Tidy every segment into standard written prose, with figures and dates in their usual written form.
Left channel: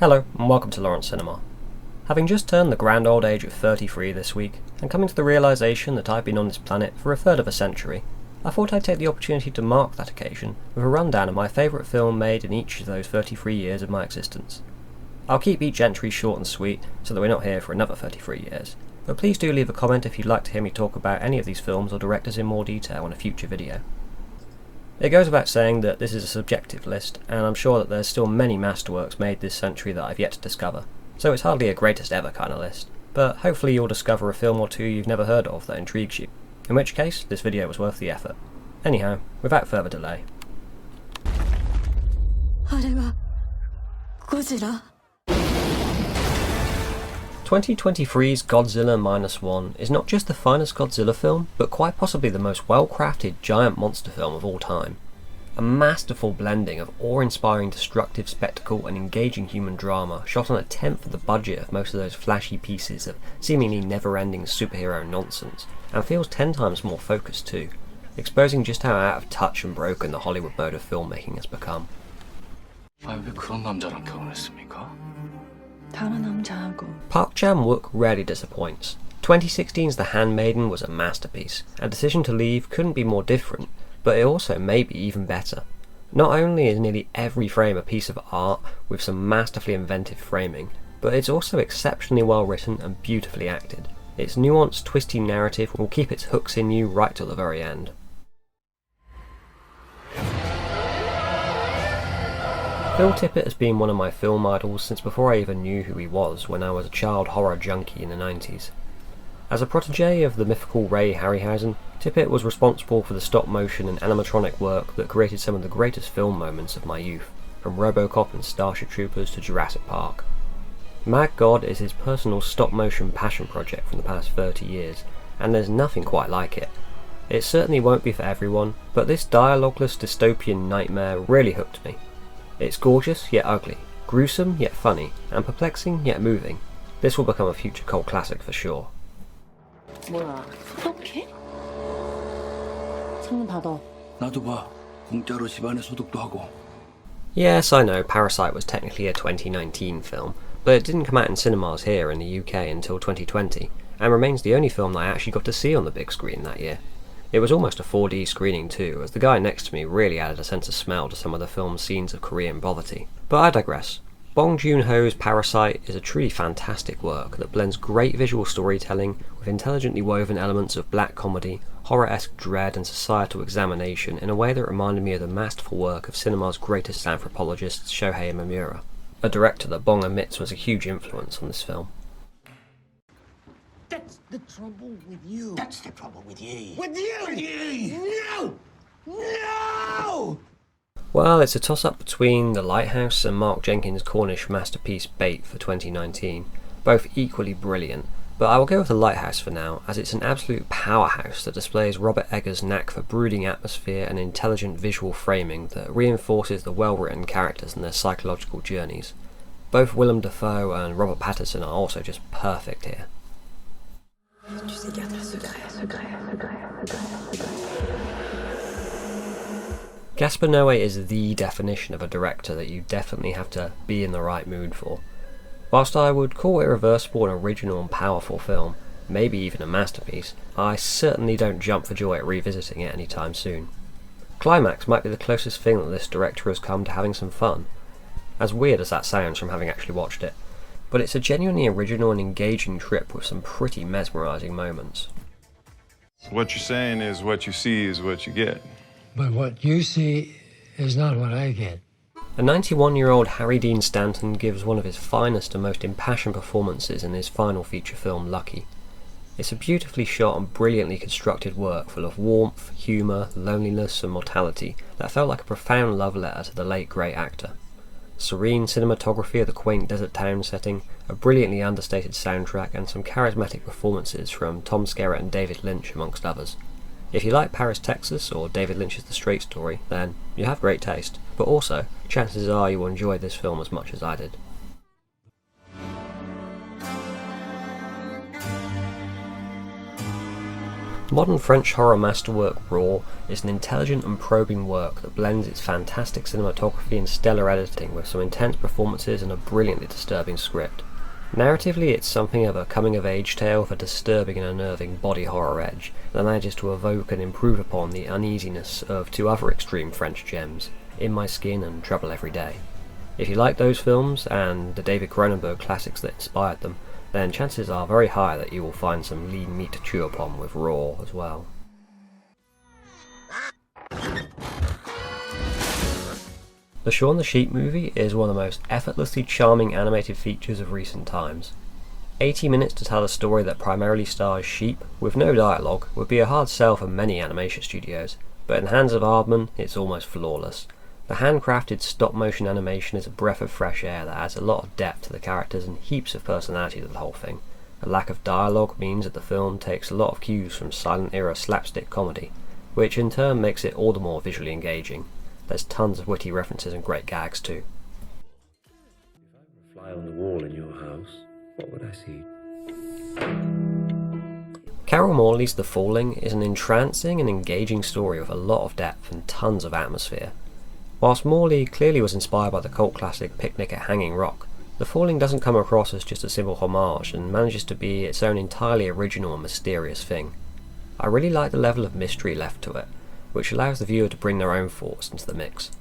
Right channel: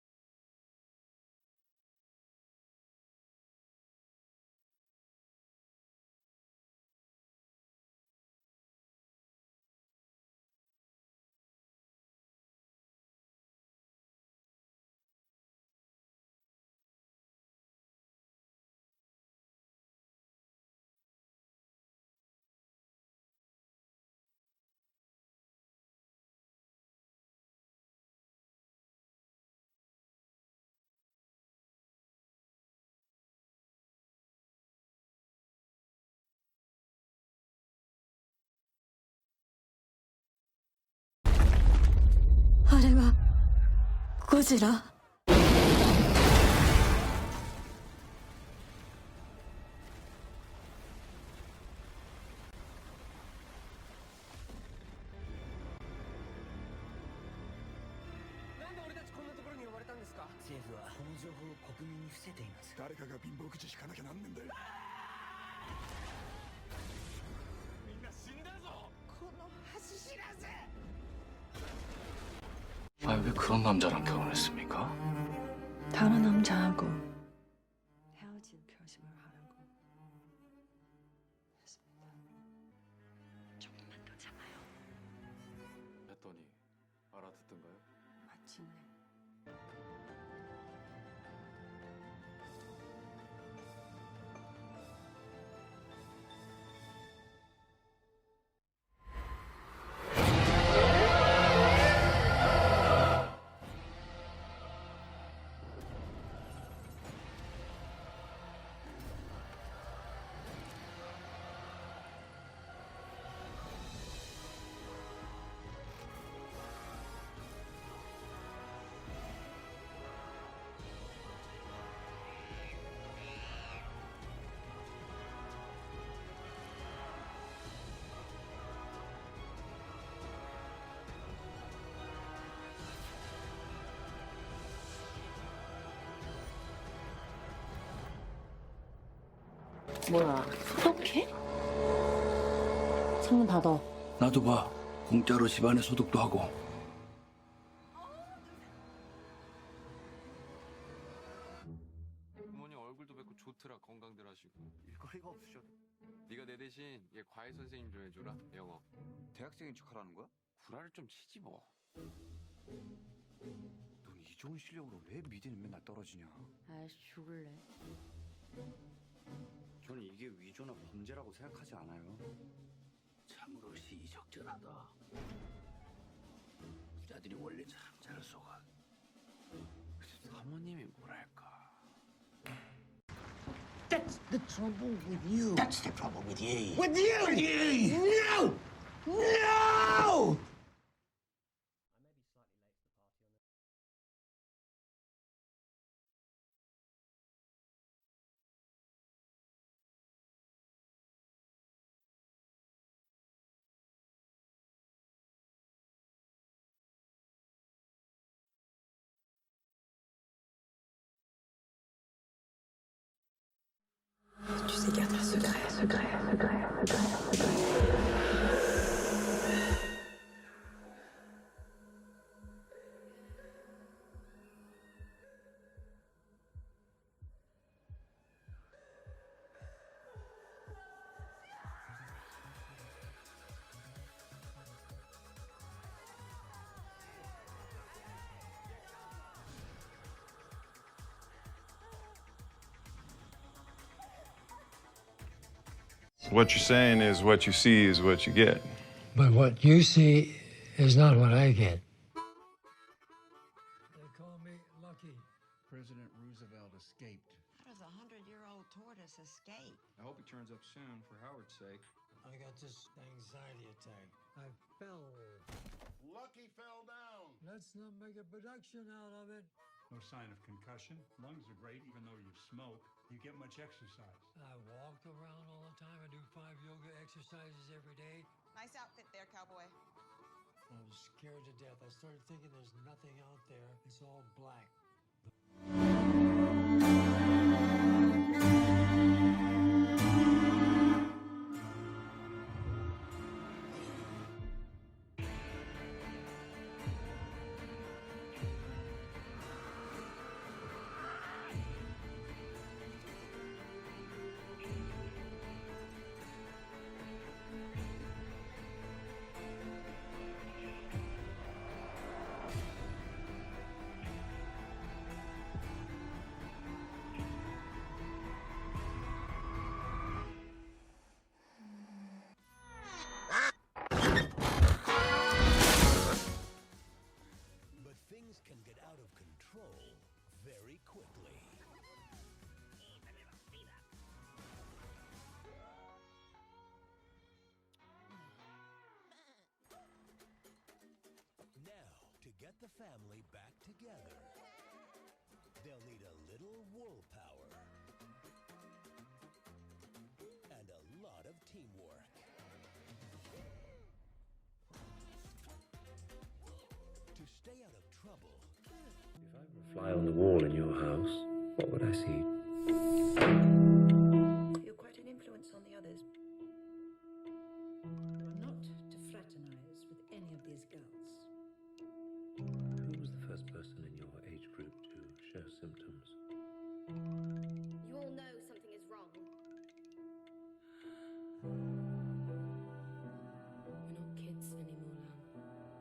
Hello, and welcome to Lawrence Cinema. Having just turned the grand old age of 33 this week, and coming to the realisation that I've been on this planet for a third of a century, I thought I'd take the opportunity to mark that occasion with a rundown of my favourite film made in each of those 33 years of my existence. I'll keep each entry short and sweet so that we're not here for another 33 years, but please do leave a comment if you'd like to hear me talk about any of these films or directors in more detail in a future video. It goes without saying that this is a subjective list, and I'm sure that there's still many masterworks made this century that I've yet to discover, so it's hardly a greatest ever kind of list, but hopefully you'll discover a film or two you've never heard of that intrigues you, in which case this video was worth the effort. Anyhow, without further delay. あれはゴジラ 2023's Godzilla Minus One is not just the finest Godzilla film, but quite possibly the most well-crafted giant monster film of all time. A masterful blending of awe-inspiring destructive spectacle and engaging human drama, shot on a tenth of the budget of most of those flashy pieces of seemingly never-ending superhero nonsense, and feels 10 times more focused too, exposing just how out of touch and broken the Hollywood mode of filmmaking has become. 왜 그런 남자랑 결혼했습니까? 다른 남자하고 Park Chan-wook rarely disappoints. 2016's The Handmaiden was a masterpiece, and Decision to Leave couldn't be more different, but it also may be even better. Not only is nearly every frame a piece of art with some masterfully inventive framing, but it's also exceptionally well written and beautifully acted. Its nuanced, twisty narrative will keep its hooks in you right till the very end. Phil Tippett has been one of my film idols since before I even knew who he was when I was a child horror junkie in the 90s. As a protege of the mythical Ray Harryhausen, Tippett was responsible for the stop motion and animatronic work that created some of the greatest film moments of my youth, from Robocop and Starship Troopers to Jurassic Park. Mad God is his personal stop motion passion project from the past 30 years, and there's nothing quite like it. It certainly won't be for everyone, but this dialogueless dystopian nightmare really hooked me. It's gorgeous yet ugly, gruesome yet funny, and perplexing yet moving. This will become a future cult classic for sure. 뭐야 소독해? 창문 닫아 나도 봐. 공짜로 집안에 소독도 하고. Yes, I know Parasite was technically a 2019 film, but it didn't come out in cinemas here in the UK until 2020, and remains the only film that I actually got to see on the big screen that year. It was almost a 4D screening too, as the guy next to me really added a sense of smell to some of the film's scenes of Korean poverty. But I digress. Bong Joon-ho's Parasite is a truly fantastic work that blends great visual storytelling with intelligently woven elements of black comedy, horror-esque dread and societal examination in a way that reminded me of the masterful work of cinema's greatest anthropologist Shohei Mamura, a director that Bong admits was a huge influence on this film. That's the trouble with you. That's the trouble with ye. With you! No! No! Well, it's a toss-up between The Lighthouse and Mark Jenkins' Cornish masterpiece Bait for 2019, both equally brilliant, but I will go with The Lighthouse for now, as it's an absolute powerhouse that displays Robert Eggers' knack for brooding atmosphere and intelligent visual framing that reinforces the well-written characters and their psychological journeys. Both Willem Dafoe and Robert Pattinson are also just perfect here. Tu sais garder un secret. Gaspar Noé is the definition of a director that you definitely have to be in the right mood for. Whilst I would call Irreversible an original and powerful film, maybe even a masterpiece, I certainly don't jump for joy at revisiting it anytime soon. Climax might be the closest thing that this director has come to having some fun, as weird as that sounds from having actually watched it, but it's a genuinely original and engaging trip with some pretty mesmerising moments. What you're saying is what you see is what you get. But what you see is not what I get. A 91-year-old Harry Dean Stanton gives one of his finest and most impassioned performances in his final feature film, Lucky. It's a beautifully shot and brilliantly constructed work full of warmth, humour, loneliness and mortality that felt like a profound love letter to the late great actor. Serene cinematography of the quaint desert town setting, a brilliantly understated soundtrack and some charismatic performances from Tom Skerritt and David Lynch amongst others. If you like Paris, Texas or David Lynch's The Straight Story, then you have great taste, but also chances are you will enjoy this film as much as I did. Modern French horror masterwork Raw is an intelligent and probing work that blends its fantastic cinematography and stellar editing with some intense performances and a brilliantly disturbing script. Narratively, it's something of a coming-of-age tale with a disturbing and unnerving body horror edge that manages to evoke and improve upon the uneasiness of two other extreme French gems, In My Skin and Trouble Every Day. If you like those films, and the David Cronenberg classics that inspired them, then chances are very high that you will find some lean meat to chew upon with Raw as well. The Shaun the Sheep movie is one of the most effortlessly charming animated features of recent times. 80 minutes to tell a story that primarily stars sheep, with no dialogue, would be a hard sell for many animation studios, but in the hands of Aardman, it's almost flawless. The handcrafted stop-motion animation is a breath of fresh air that adds a lot of depth to the characters and heaps of personality to the whole thing. A lack of dialogue means that the film takes a lot of cues from silent-era slapstick comedy, which in turn makes it all the more visually engaging. There's tons of witty references and great gags too. If I were a fly on the wall in your house, what would I see? Carol Morley's The Falling is an entrancing and engaging story with a lot of depth and tons of atmosphere. Whilst Morley clearly was inspired by the cult classic Picnic at Hanging Rock, The Falling doesn't come across as just a simple homage and manages to be its own entirely original and mysterious thing. I really like the level of mystery left to it, which allows the viewer to bring their own thoughts into the mix.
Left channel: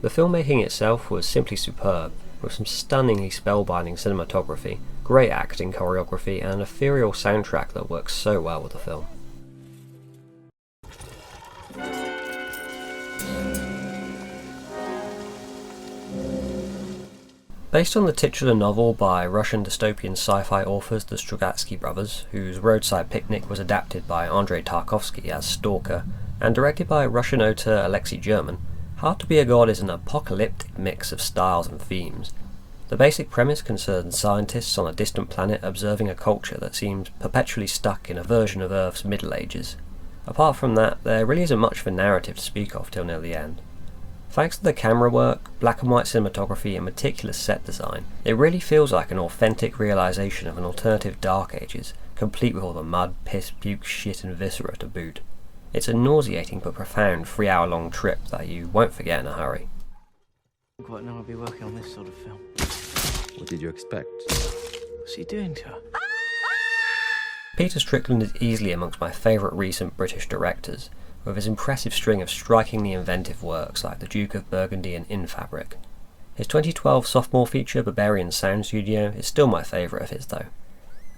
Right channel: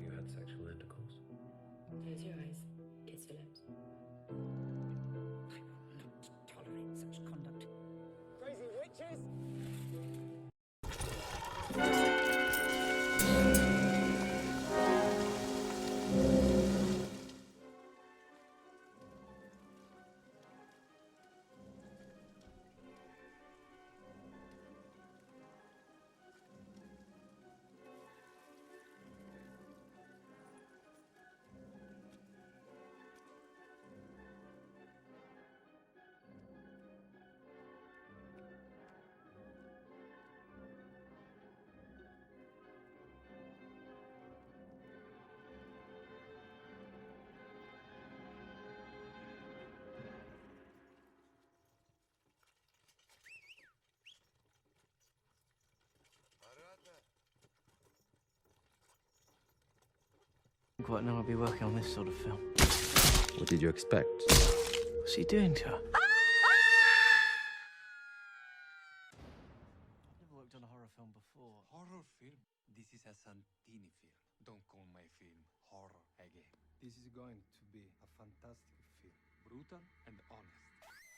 The filmmaking itself was simply superb, with some stunningly spellbinding cinematography, great acting choreography, and an ethereal soundtrack that works so well with the film. Based on the titular novel by Russian dystopian sci-fi authors the Strugatsky brothers, whose Roadside Picnic was adapted by Andrei Tarkovsky as Stalker, and directed by Russian author Alexei German, Hard to Be a God is an apocalyptic mix of styles and themes. The basic premise concerns scientists on a distant planet observing a culture that seems perpetually stuck in a version of Earth's Middle Ages. Apart from that, there really isn't much of a narrative to speak of till near the end. Thanks to the camera work, black and white cinematography and meticulous set design, it really feels like an authentic realisation of an alternative Dark Ages, complete with all the mud, piss, puke, shit and viscera to boot. It's a nauseating but profound 3-hour-long trip that you won't forget in a hurry. I didn't quite know I'd be working on this sort of film. What did you expect? What's he doing to her? Peter Strickland is easily amongst my favourite recent British directors, with his impressive string of strikingly inventive works like The Duke of Burgundy and In Fabric. His 2012 sophomore feature Barbarian Sound Studio is still my favourite of his though.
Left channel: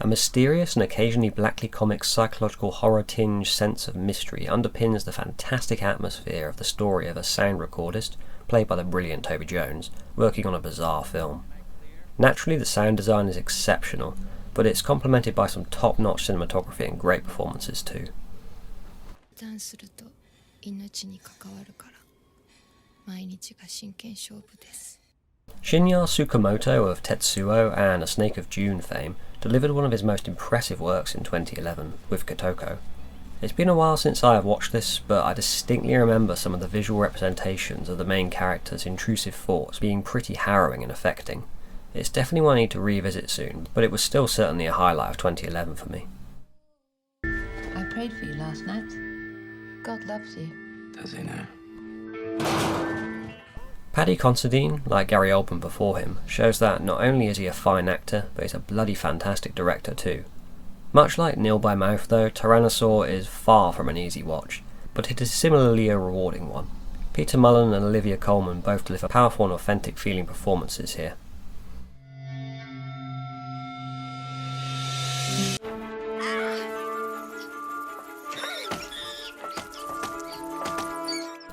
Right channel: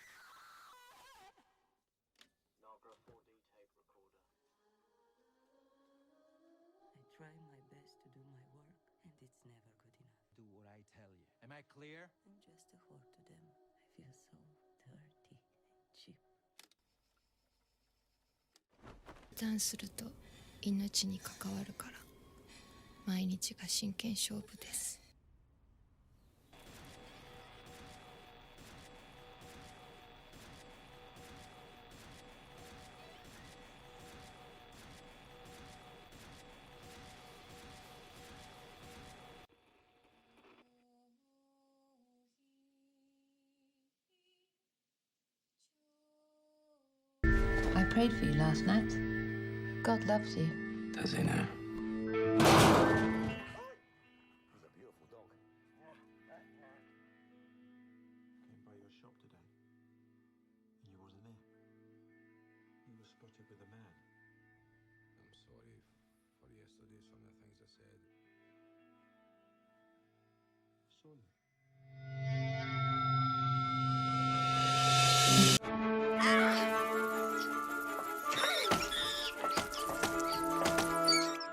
A mysterious and occasionally blackly comic psychological horror-tinged sense of mystery underpins the fantastic atmosphere of the story of a sound recordist, played by the brilliant Toby Jones, working on a bizarre film. Naturally the sound design is exceptional, but it's complemented by some top-notch cinematography and great performances too. Shinya Tsukamoto of Tetsuo and A Snake of June fame delivered one of his most impressive works in 2011 with Kotoko. It's been a while since I have watched this, but I distinctly remember some of the visual representations of the main character's intrusive thoughts being pretty harrowing and affecting. It's definitely one I need to revisit soon, but it was still certainly a highlight of 2011 for me. I prayed for you last night. God loves you. Does he now? Paddy Considine, like Gary Oldman before him, shows that not only is he a fine actor, but he's a bloody fantastic director too. Much like Nil by Mouth though, Tyrannosaur is far from an easy watch, but it is similarly a rewarding one. Peter Mullen and Olivia Colman both deliver powerful and authentic feeling performances here.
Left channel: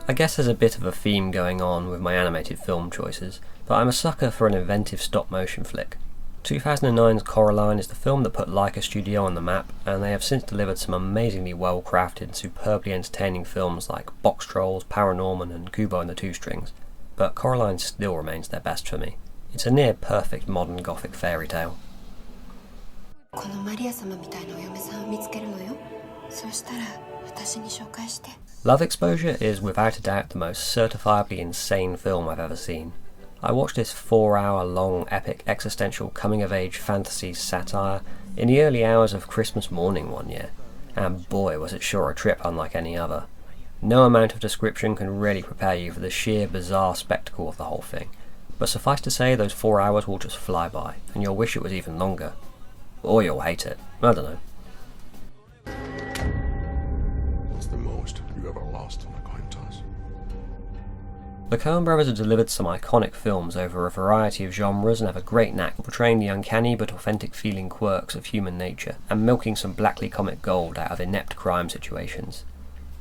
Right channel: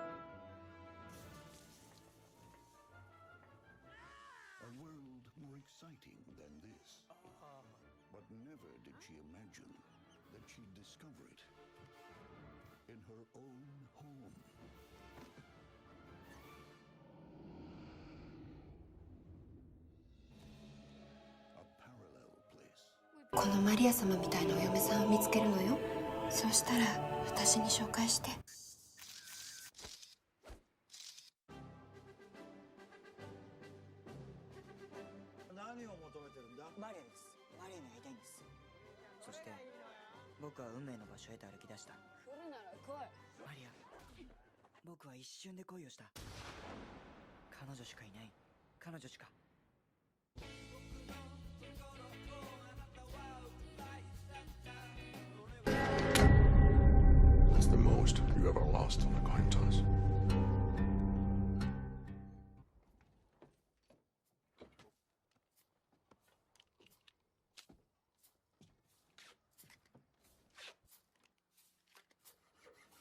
I guess there's a bit of a theme going on with my animated film choices, but I'm a sucker for an inventive stop-motion flick. 2009's Coraline is the film that put Laika Studio on the map, and they have since delivered some amazingly well-crafted and superbly entertaining films like Box Trolls, Paranorman and Kubo and the Two Strings, but Coraline still remains their best for me. It's a near-perfect modern gothic fairy tale. Love Exposure is without a doubt the most certifiably insane film I've ever seen. I watched this 4-hour-long epic existential coming-of-age fantasy satire in the early hours of Christmas morning one year, and boy was it sure a trip unlike any other. No amount of description can really prepare you for the sheer bizarre spectacle of the whole thing, but suffice to say those 4 hours will just fly by, and you'll wish it was even longer. Or you'll hate it, I don't know. What's the most you ever lost on a coin toss? The Coen brothers have delivered some iconic films over a variety of genres and have a great knack for portraying the uncanny but authentic feeling quirks of human nature and milking some blackly comic gold out of inept crime situations.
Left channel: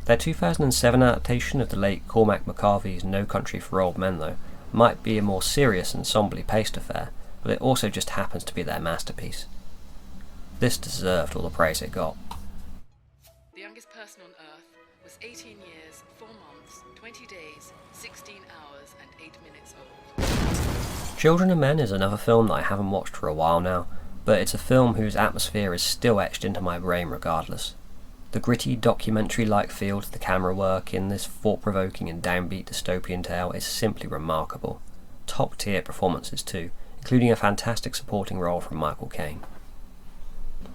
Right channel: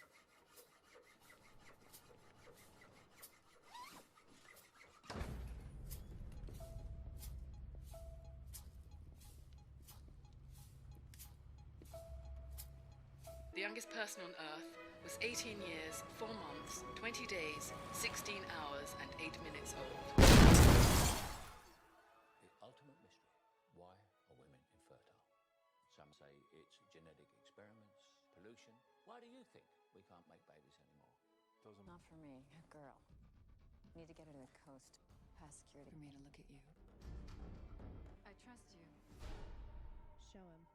Their 2007 adaptation of the late Cormac McCarthy's No Country for Old Men, though, might be a more serious and somberly paced affair, but it also just happens to be their masterpiece. This deserved all the praise it got. The youngest person on Earth was 18 years, 4 months, 20 days, 16 hours and 8 minutes old. Children of Men is another film that I haven't watched for a while now, but it's a film whose atmosphere is still etched into my brain regardless. The gritty documentary-like feel to the camera work in this thought-provoking and downbeat dystopian tale is simply remarkable. Top-tier performances too, including a fantastic supporting role from Michael Caine.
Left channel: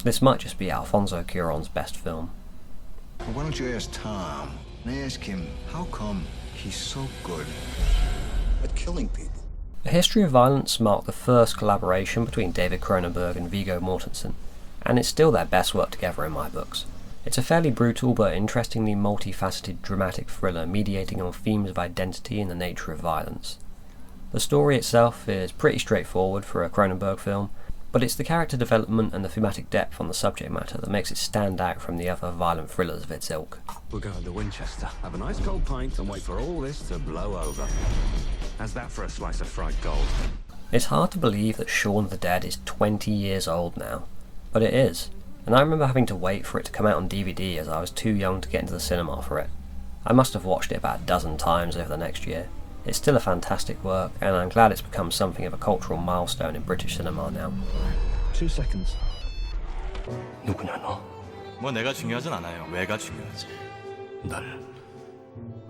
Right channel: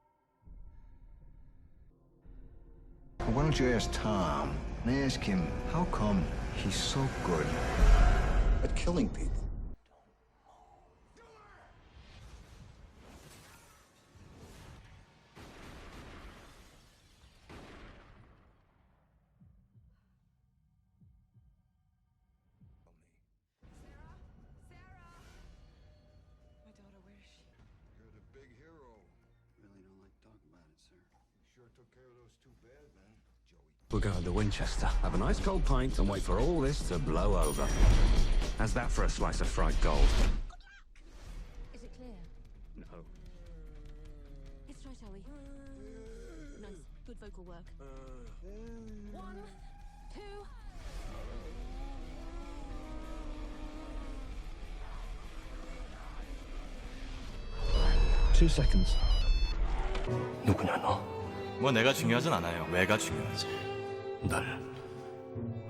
This might just be Alfonso Cuarón's best film. Why don't you ask Tom and ask him how come he's so good at killing people? A History of Violence marked the first collaboration between David Cronenberg and Viggo Mortensen, and it's still their best work together in my books. It's a fairly brutal but interestingly multifaceted dramatic thriller mediating on themes of identity and the nature of violence. The story itself is pretty straightforward for a Cronenberg film, but it's the character development and the thematic depth on the subject matter that makes it stand out from the other violent thrillers of its ilk. We'll go to Winchester, have a nice cold pint and wait for all this to blow over. How's that for a slice of fried gold? It's hard to believe that Shaun of the Dead is 20 years old now, but it is, and I remember having to wait for it to come out on DVD as I was too young to get into the cinema for it. I must have watched it about a dozen times over the next year. It's still a fantastic work, and I'm glad it's become something of a cultural milestone in British cinema now. 2 seconds. 누구냐 너? 뭐 내가 중요하진 않아요. 왜가 중요하지. 날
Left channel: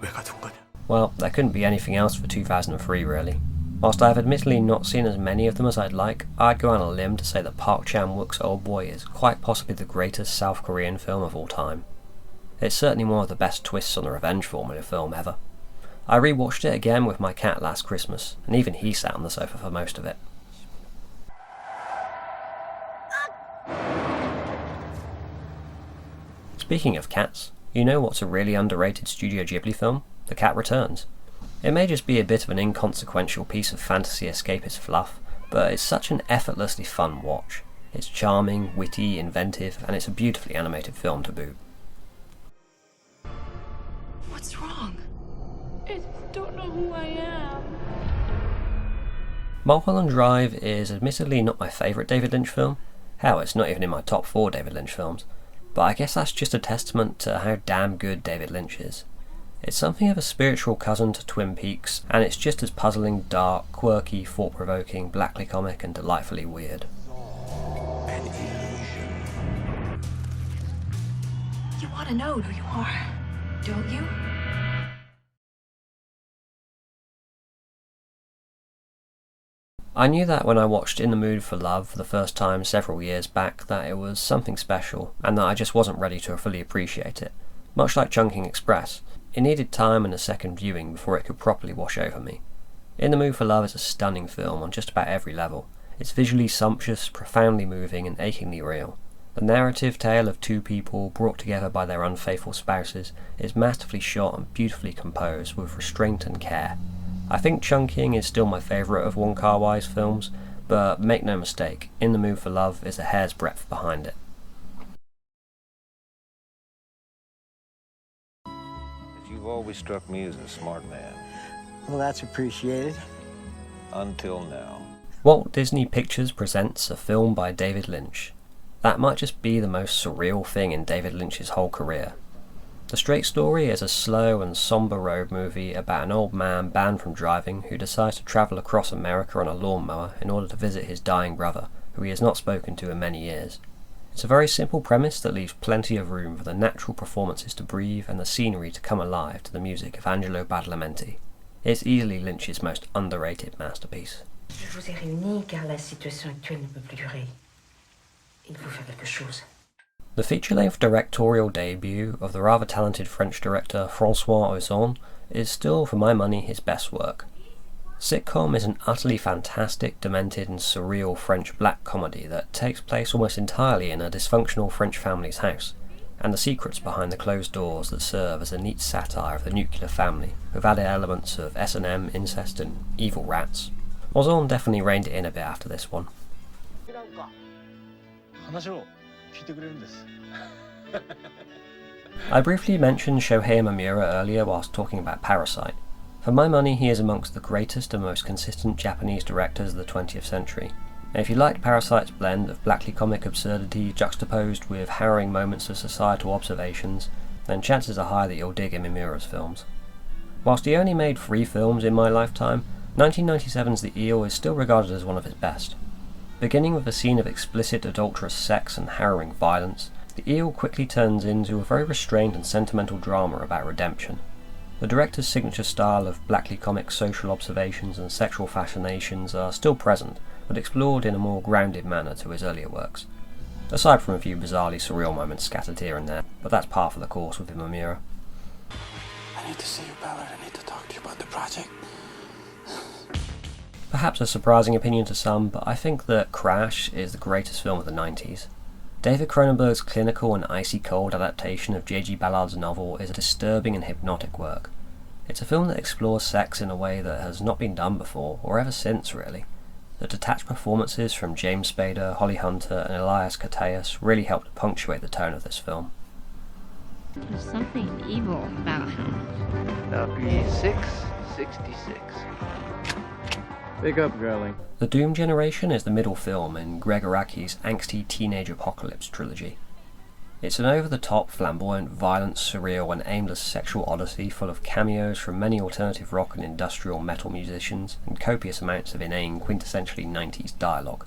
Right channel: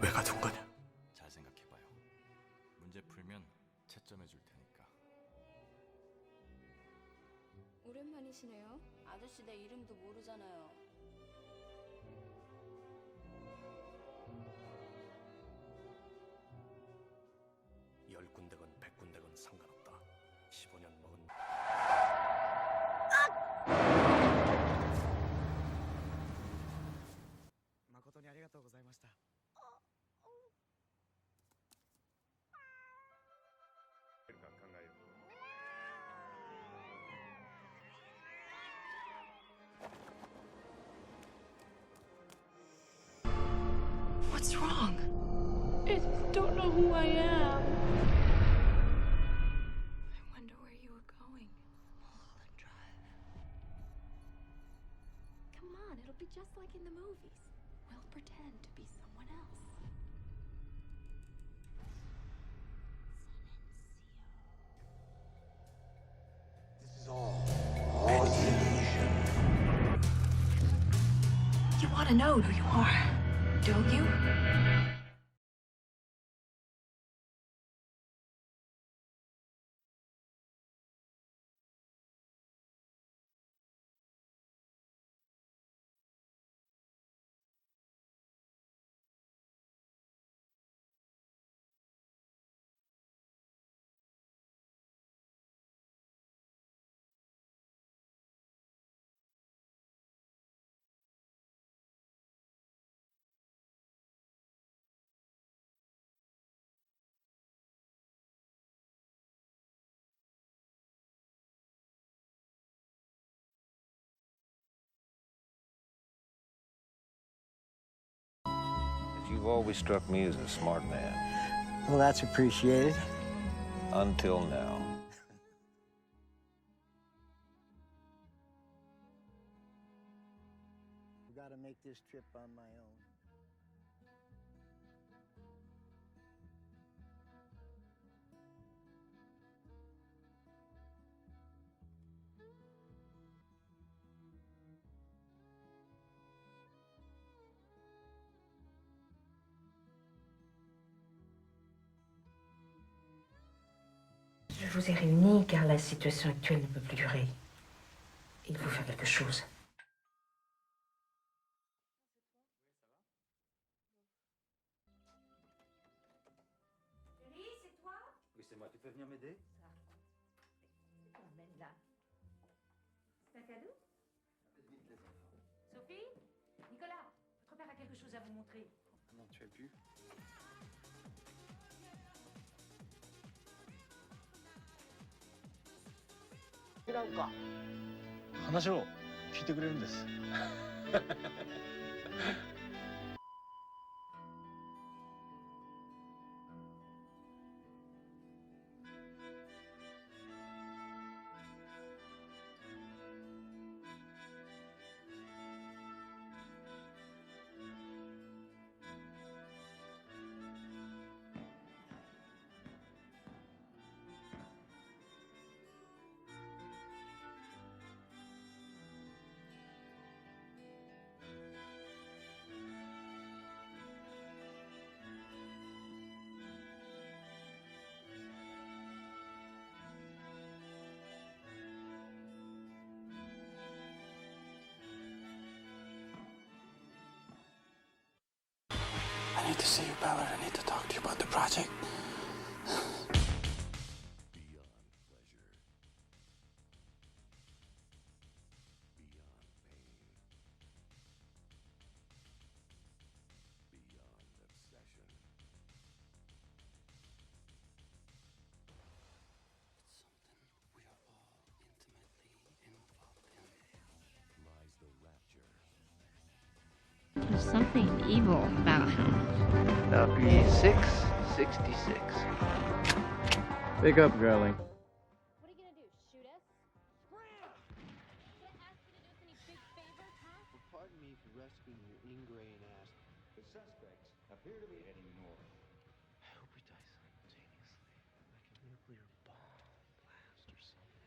왜 가둔 거냐? Well, there couldn't be anything else for 2003 really. Whilst I've admittedly not seen as many of them as I'd like, I'd go on a limb to say that Park Chan-wook's Oldboy is quite possibly the greatest South Korean film of all time. It's certainly one of the best twists on the revenge formula film ever. I rewatched it again with my cat last Christmas, and even he sat on the sofa for most of it. Speaking of cats, you know what's a really underrated Studio Ghibli film? The Cat Returns. It may just be a bit of an inconsequential piece of fantasy escapist fluff, but it's such an effortlessly fun watch. It's charming, witty, inventive, and it's a beautifully animated film to boot. What's wrong? I just don't know who I am. Mulholland Drive is admittedly not my favourite David Lynch film. Hell, it's not even in my top 4 David Lynch films. But I guess that's just a testament to how damn good David Lynch is. It's something of a spiritual cousin to Twin Peaks, and it's just as puzzling, dark, quirky, thought-provoking, blackly comic, and delightfully weird. An illusion. You want to know who you are, don't you? I knew that when I watched In the Mood for Love for the first time several years back that it was something special, and that I just wasn't ready to fully appreciate it. Much like Chungking Express, it needed time and a second viewing before it could properly wash over me. In the Mood for Love is a stunning film on just about every level. It's visually sumptuous, profoundly moving, and achingly real. The narrative tale of 2 people brought together by their unfaithful spouses is masterfully shot and beautifully composed with restraint and care. I think Chungking is still my favourite of Wong Kar-wai's films, but make no mistake, In the Mood for Love is a hair's breadth behind it. You've always struck me as a smart man. Well, that's appreciated. Until now. Walt Disney Pictures presents a film by David Lynch. That might just be the most surreal thing in David Lynch's whole career. The Straight Story is a slow and somber road movie about an old man banned from driving who decides to travel across America on a lawnmower in order to visit his dying brother, who he has not spoken to in many years. It's a very simple premise that leaves plenty of room for the natural performances to breathe and the scenery to come alive to the music of Angelo Badalamenti. It's easily Lynch's most underrated masterpiece. Je vous ai réunis car la situation actuelle ne peut plus durer. Il faut faire quelque chose. The feature-length directorial debut of the rather talented French director François Ozon is still, for my money, his best work. Sitcom is an utterly fantastic, demented and surreal French black comedy that takes place almost entirely in a dysfunctional French family's house, and the secrets behind the closed doors that serve as a neat satire of the nuclear family, with added elements of S&M, incest and evil rats. Ozon definitely reined it in a bit after this one. I briefly mentioned Shohei Mamura earlier whilst talking about Parasite. For my money, he is amongst the greatest and most consistent Japanese directors of the 20th century. And if you liked Parasite's blend of blackly comic absurdity juxtaposed with harrowing moments of societal observations, then chances are high that you'll dig in Mamura's films. Whilst he only made 3 films in my lifetime, 1997's The Eel is still regarded as one of his best. Beginning with a scene of explicit adulterous sex and harrowing violence, The Eel quickly turns into a very restrained and sentimental drama about redemption. The director's signature style of blackly comic social observations and sexual fascinations are still present, but explored in a more grounded manner to his earlier works, aside from a few bizarrely surreal moments scattered here and there, but that's par for the course with Mamura. I need to see you, Ballard. I need to talk to you about the project. Perhaps a surprising opinion to some, but I think that Crash is the greatest film of the 90s. David Cronenberg's clinical and icy cold adaptation of J.G. Ballard's novel is a disturbing and hypnotic work. It's a film that explores sex in a way that has not been done before, or ever since really. The detached performances from James Spader, Holly Hunter and Elias Koteas really helped to punctuate the tone of this film. There's something evil about him. WP666. Big up, girlie. The Doom Generation is the middle film in Greg Araki's angsty teenage apocalypse trilogy. It's an over-the-top, flamboyant, violent, surreal and aimless sexual odyssey full of cameos from many alternative rock and industrial metal musicians and copious amounts of inane, quintessentially 90s dialogue.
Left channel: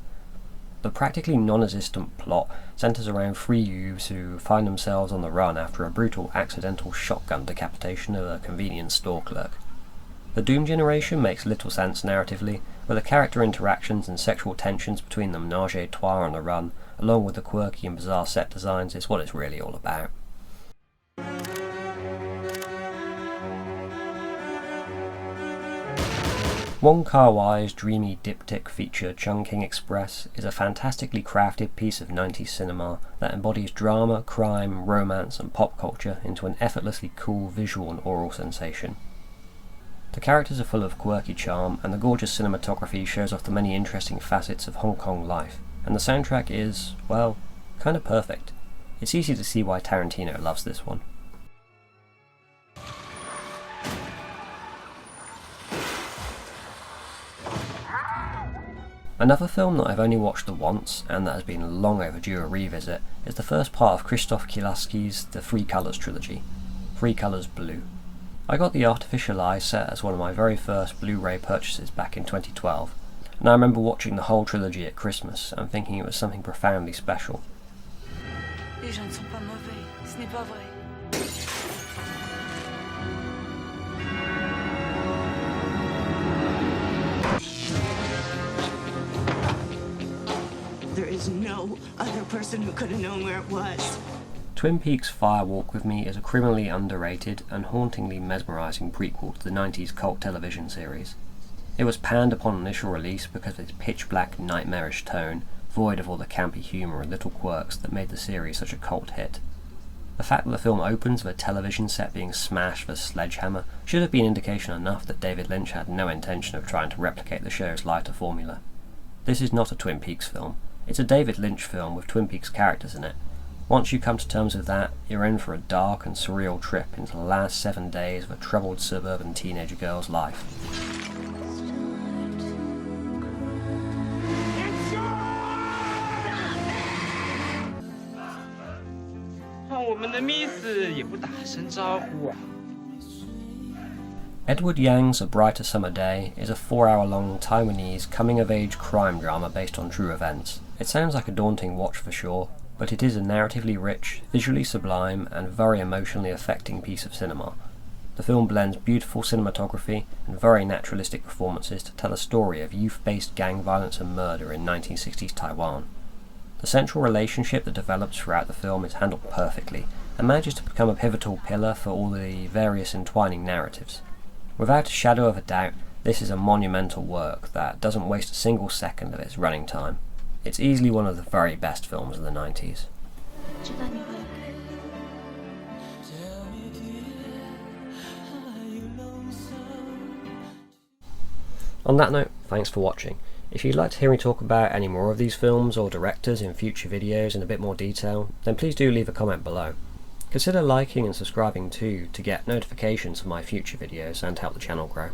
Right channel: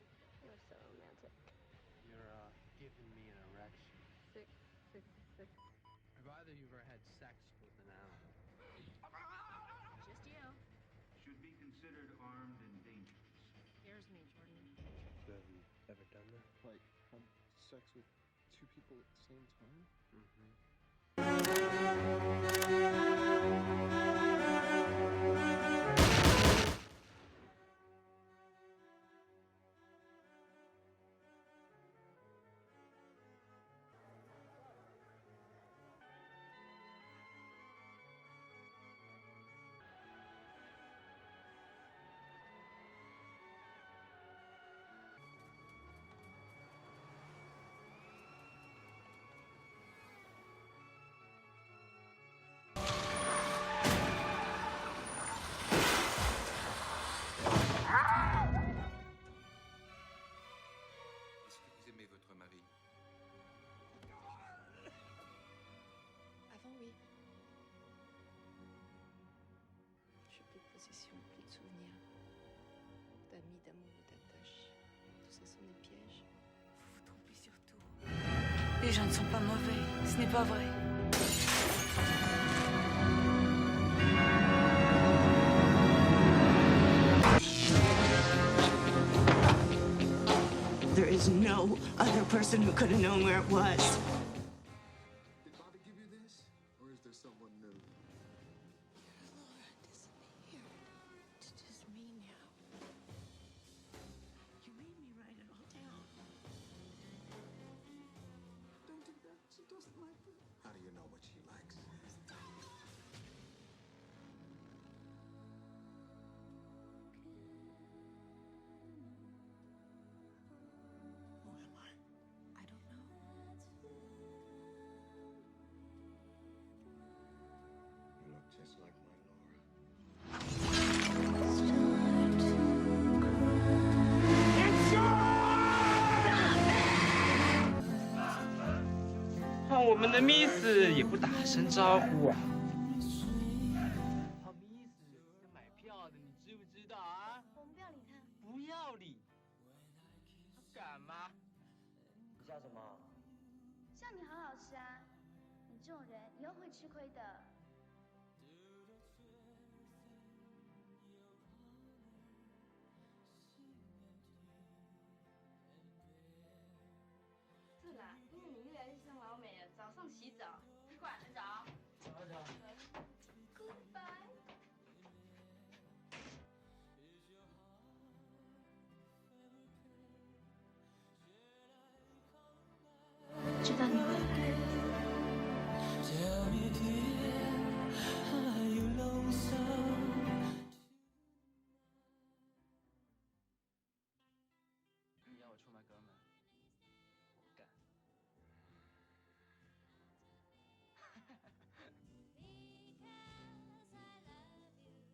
The practically non-existent plot centres around 3 youths who find themselves on the run after a brutal accidental shotgun decapitation of a convenience store clerk. The Doom Generation makes little sense narratively, but the character interactions and sexual tensions between the menage a trois on the run, along with the quirky and bizarre set designs, is what it's really all about. Wong Kar-wai's dreamy diptych feature Chungking Express is a fantastically crafted piece of 90s cinema that embodies drama, crime, romance and pop culture into an effortlessly cool visual and oral sensation. The characters are full of quirky charm, and the gorgeous cinematography shows off the many interesting facets of Hong Kong life, and the soundtrack is, well, kind of perfect. It's easy to see why Tarantino loves this one. Another film that I've only watched the once, and that has been long overdue a revisit, is the first part of Krzysztof Kielecki's The Three Colours trilogy, Three Colours Blue. I got The Artificial Eye set as one of my very first Blu-ray purchases back in 2012, and I remember watching the whole trilogy at Christmas and thinking it was something profoundly special. Les gens ne sont pas mauvais, ce n'est pas vrai. There is no other person who could have known where it was. Twin Peaks Fire Walk With Me is a criminally underrated and hauntingly mesmerising prequel to the 90s cult television series. It was panned upon initial release because of its pitch-black, nightmarish tone, void of all the campy humour and little quirks that made the series such a cult hit. The fact that the film opens with a television set being smashed with a sledgehammer should have been indication enough that David Lynch had no intention of trying to replicate the show's lighter formula. This is not a Twin Peaks film. It's a David Lynch film with Twin Peaks characters in it. Once you come to terms with that, you're in for a dark and surreal trip into the last 7 days of a troubled suburban teenage girl's life. Edward Yang's A Brighter Summer Day is a 4-hour-long Taiwanese coming-of-age crime drama based on true events. It sounds like a daunting watch for sure, but it is a narratively rich, visually sublime, and very emotionally affecting piece of cinema. The film blends beautiful cinematography and very naturalistic performances to tell a story of youth-based gang violence and murder in 1960s Taiwan. The central relationship that develops throughout the film is handled perfectly, and manages to become a pivotal pillar for all the various entwining narratives. Without a shadow of a doubt, this is a monumental work that doesn't waste a single second of its running time. It's easily one of the very best films of the 90s. On that note, thanks for watching. If you'd like to hear me talk about any more of these films or directors in future videos in a bit more detail, then please do leave a comment below. Consider liking and subscribing too to get notifications of my future videos and help the channel grow.